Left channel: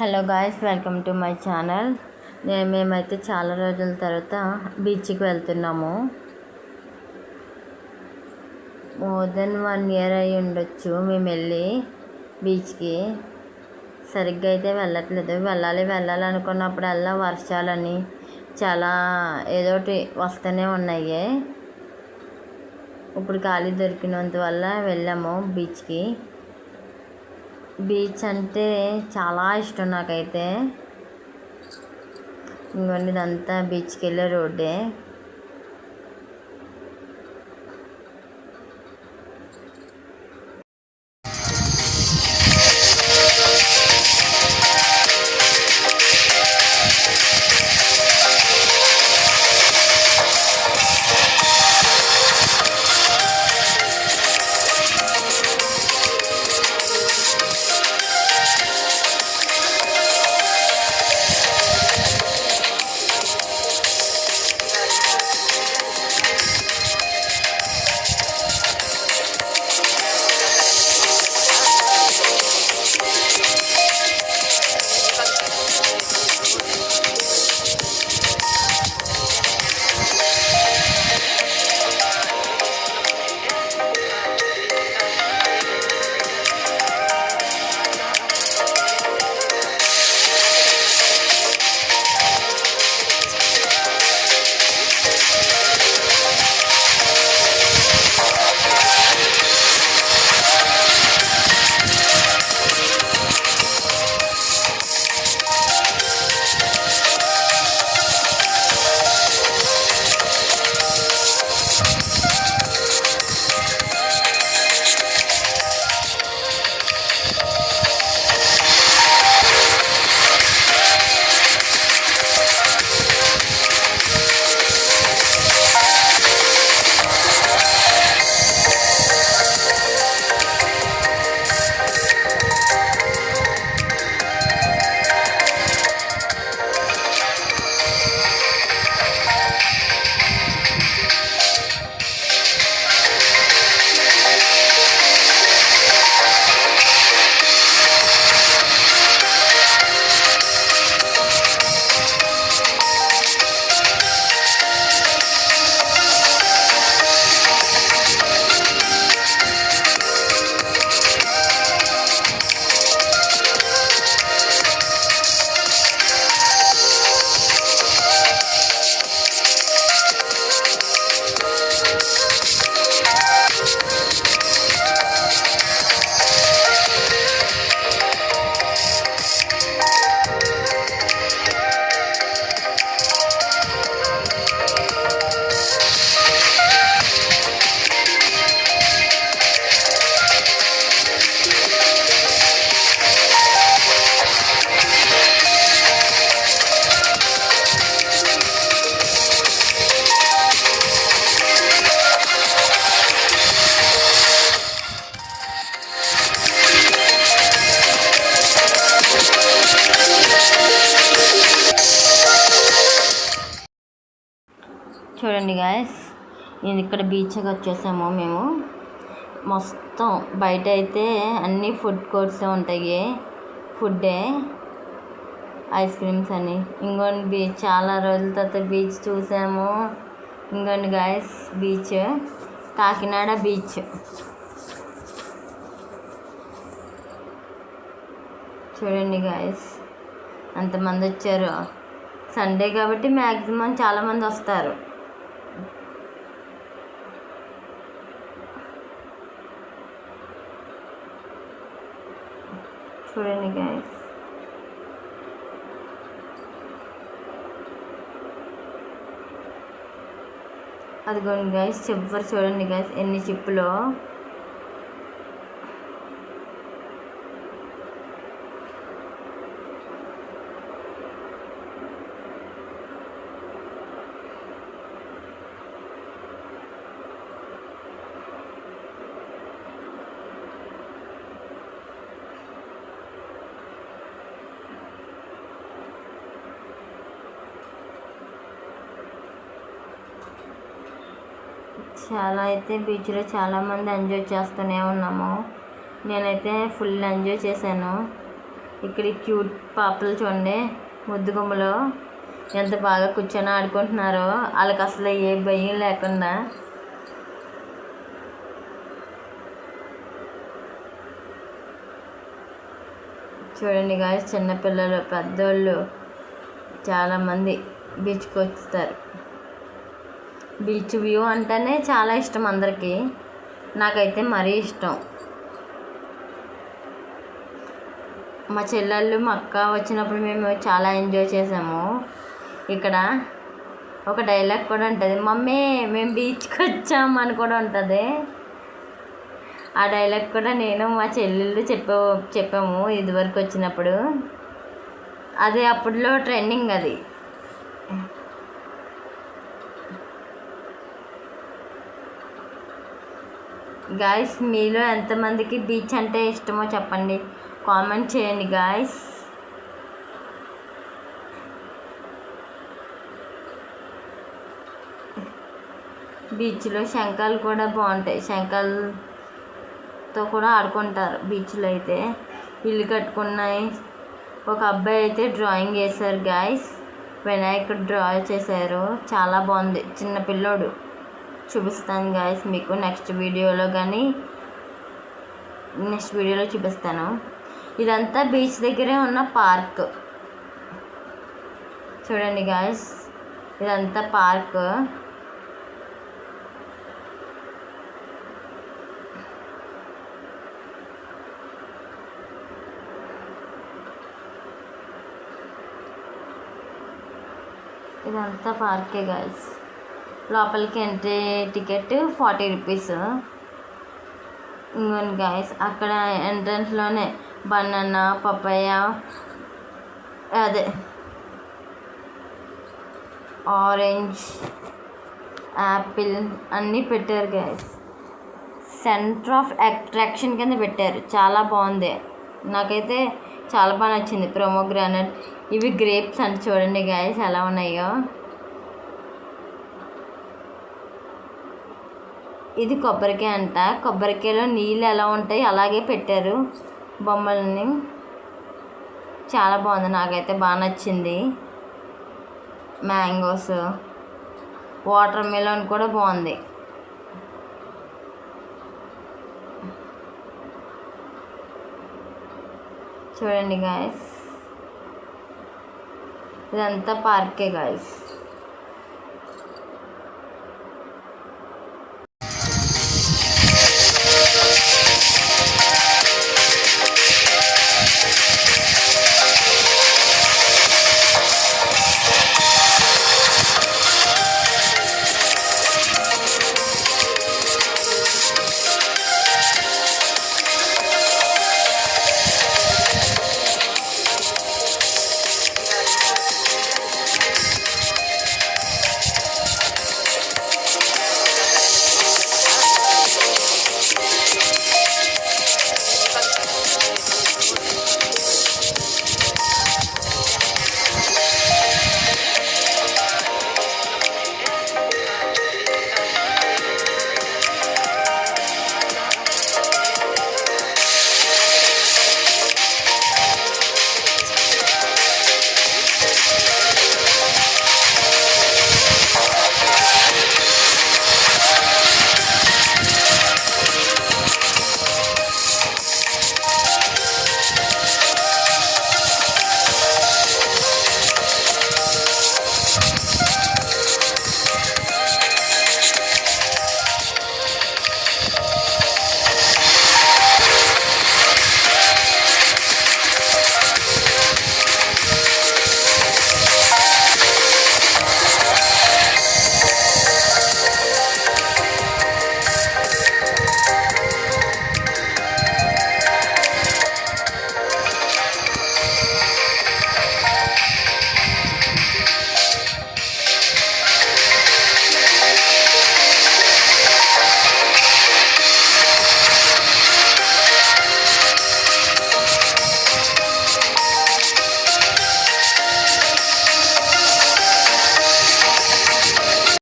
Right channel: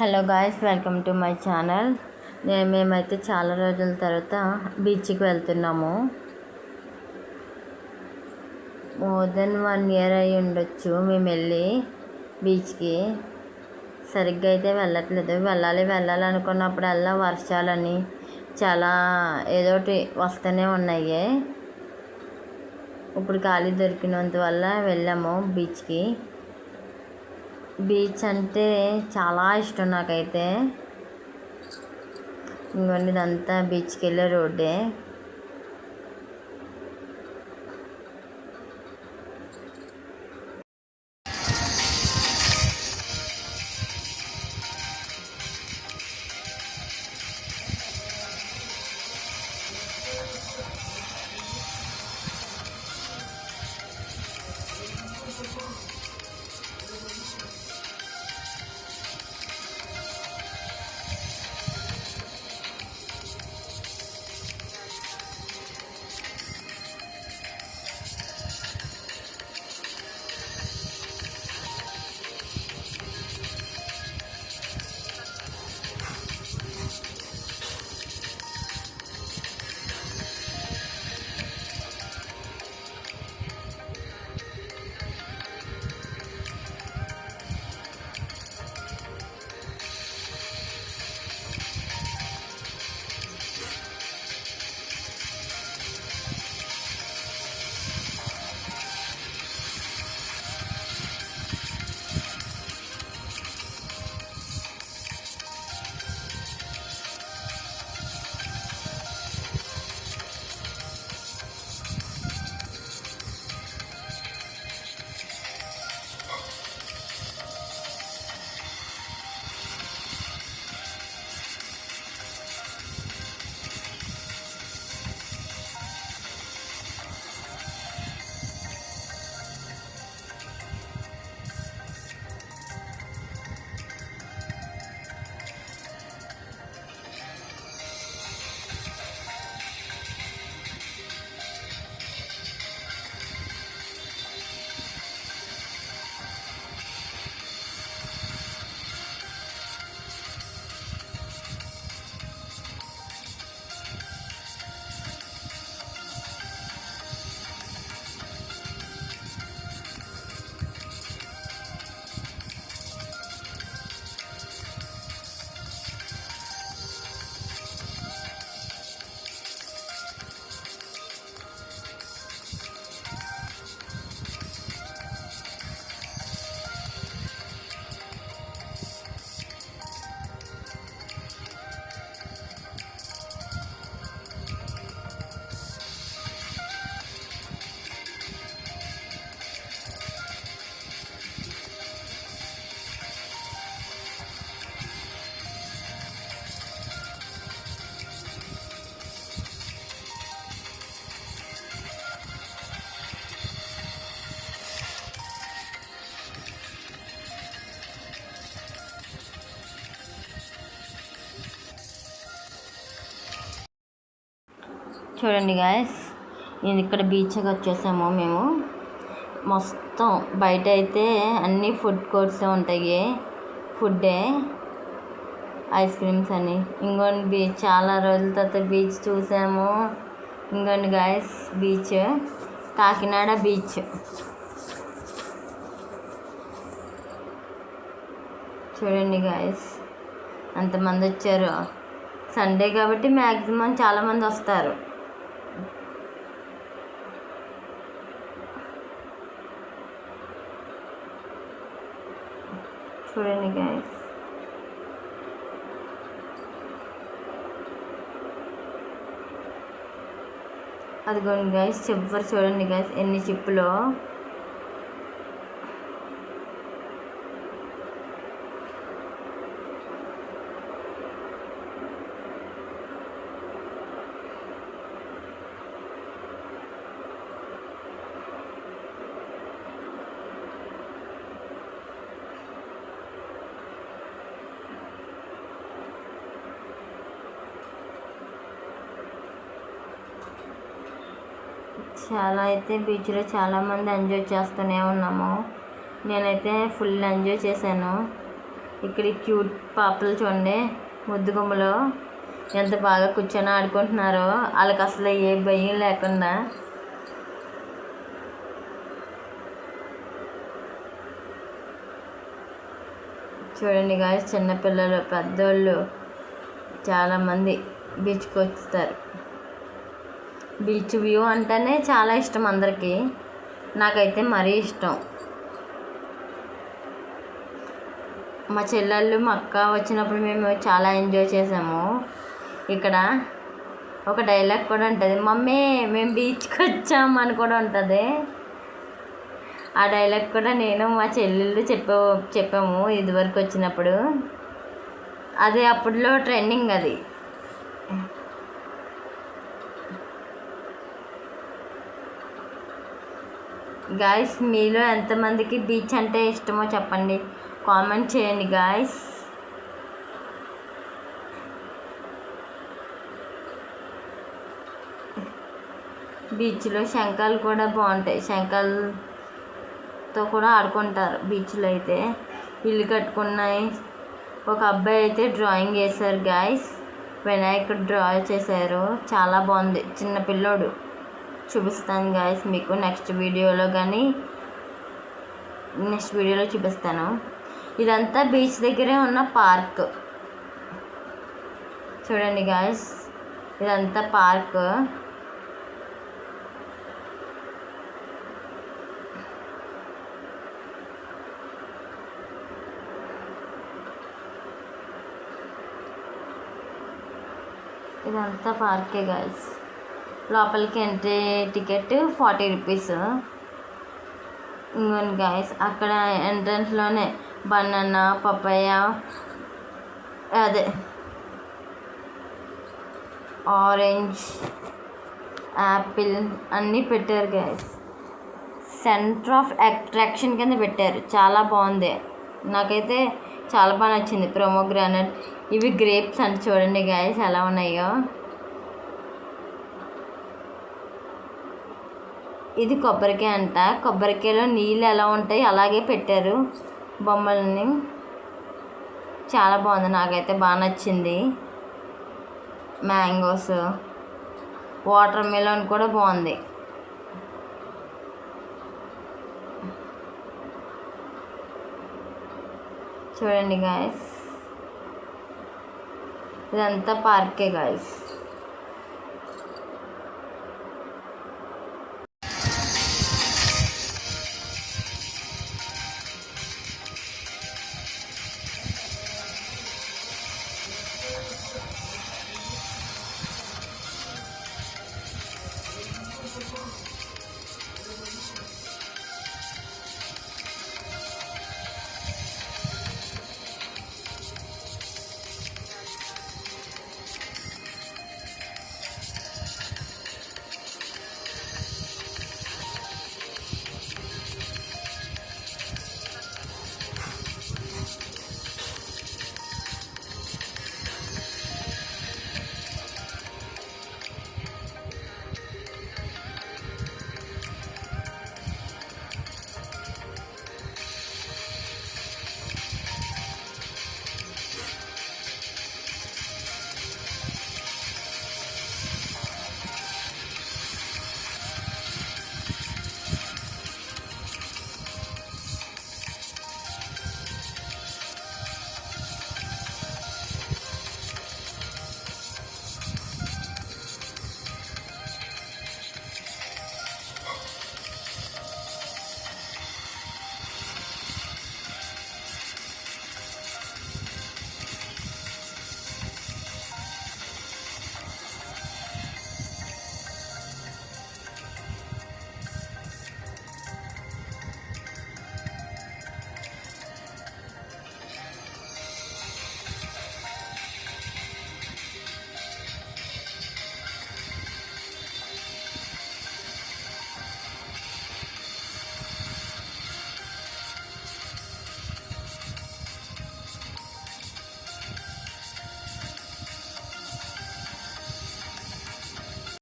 Hello guys, welcome to my channel. మేమైతే చాలా రోజుల తర్వాత బీచ్కి వెళ్తున్నాము. మోర్ దెన్ 1 year అయి ఉండొచ్చు మేము వెళ్ళి బీచ్కి. సరిగ్గా అయితే వెళ్ళట్లేదు. వెళ్ళాలి అనుకున్నప్పుడల్లా వర్షాలని చాలా ఏదోటి వస్తూనే ఉన్నాయి. ఇప్పుడు ఖాళీ దొరికినంత వల్ల వెళ్ళాము బీచ్కి. బీచ్ అంటే చాలా ఇష్టం నాకైతే. ఇంకొన్ని ఇదంతా బీచ్కి వెళ్ళే రోడ్డే. చూడండి గాయస్, నేను ఇక్కడ బీచ్కి వచ్చేసాము మేము. మొత్తం బయట అయితే అన్నీ ఫుడ్ కోర్ట్సే ఉంటాయి. ఫుడ్డే, ఐస్ క్రీమ్స్ అని. ఇంకోండి బీచ్, చాలా రోజుల తర్వాత బీచ్ చూసాము. ఇంకోండి గాయస్, బీచ్ కాకినాడ బీచ్. చూడండి గాయస్, అంతమంది వచ్చారు. సండే కాబట్టి మ్యాక్సిమం చాలామంది వస్తారు. చూడండి గైస్, అదిగోండి గైస్, చివరి చూడండి గైస్ ఎన్ని చిప్పులో. చాలా అయితే బీచ్లో చాలామంది ఎంజాయ్ చేస్తూనే ఉన్నాము. నేనైతే ఫుల్ ఎంజాయ్ చేశాను. ఇక్కడ ఈ క్యూట్ పాపలు చూడండి, ముద్దుగుమ్మలు ఎంత బాగా కూర్చొని ఆడుకుంటున్నారో, వాళ్ళకి అసలు ఏ భయం లేకుండా. చూడండి గాయస్, చిన్నపిల్లలు పెద్దోళ్ళు చాలామంది బీచ్కి వస్తారు. బీచ్ వ్యూ అంటేనే చాలా ఇష్టం అందరికీ, నాకైతే మరీ ఇష్టం. మా చెల్లెళ్ళు మా అక్క వచ్చినప్పుడు మేము చాలా ఎంజాయ్ చేసాము. ఇక్కడ ఒక డైలాగ్ కూడా ఉంటుంది, మమ్మీ మేము బీచ్కి వచ్చాము అని కూడా ఉంటుంది. ఆ డైలాగ్ కూడా నేను మా చెల్లెళ్ళు చెప్పాము ఇదివరకు వచ్చినప్పుడు. అది అప్పట్లో ట్రెండింగ్ అది. గాయస్, మీలో ఎంతమందికి బీచ్ అంటే ఇష్టమో చెప్పండి, కామెంట్ చేయండి గాయస్. బీచ్లో శంఖాలు కూడా బాగుంటాయి, శంఖాలతో కూడా ఆడుకుంటారు బీచ్లో అయితే. ఇల్లు కట్టుకున్నాయి. ఒక అబ్బాయి అయితే డ్రాయింగ్ వేశారు గాయస్, వినాయకుడు డ్రా చేశారు, చాలా బాగుంది. చిన్న పిల్లోడు. చూపిస్తాను గాయస్ మీకు నెక్స్ట్ వీడియోలో చూపిస్తాను. ఇదంతా బీచ్ దగ్గరే ఉన్న పార్క్. చూడండి గాయస్, ఇదంతా పార్క్. ఇదంతా పార్కే గాయస్. లోపలికి ఎంట్రీ టికెట్ 40 రూపీస్. ఇంకోండి గాయస్, అక్కడ ఎంట్రన్స్లోనే బనానా, పపాయ, అదే ఆరెంజ్, యాపిల్ అన్నీ పెట్టారు గాయస్. సెంటర్ ఆఫ్ అట్రాక్షన్ కింద పెట్టారు, చాలా బాగుంది. నాకైతే చాలా బాగా నచ్చింది. ప్రోమోగ్రానైట్, ఇవి గ్రేప్స్ అంటే చూడండి గాయస్ ఎలా ఉన్నాయో. ఇది కొబ్బరికాయ అంట. కొబ్బరికాయలో నీళ్ళు ఎలా ఉంటాయి అలాగే పెట్టారు బొమ్మలని. చాలా బాగుంది, నాకైతే బాగా నచ్చింది. మ్యాంగోస్, వాటర్ మెలన్ కూడా బాగుంది. చూడండి గాయస్, ఇదంతా పార్కే గాయస్.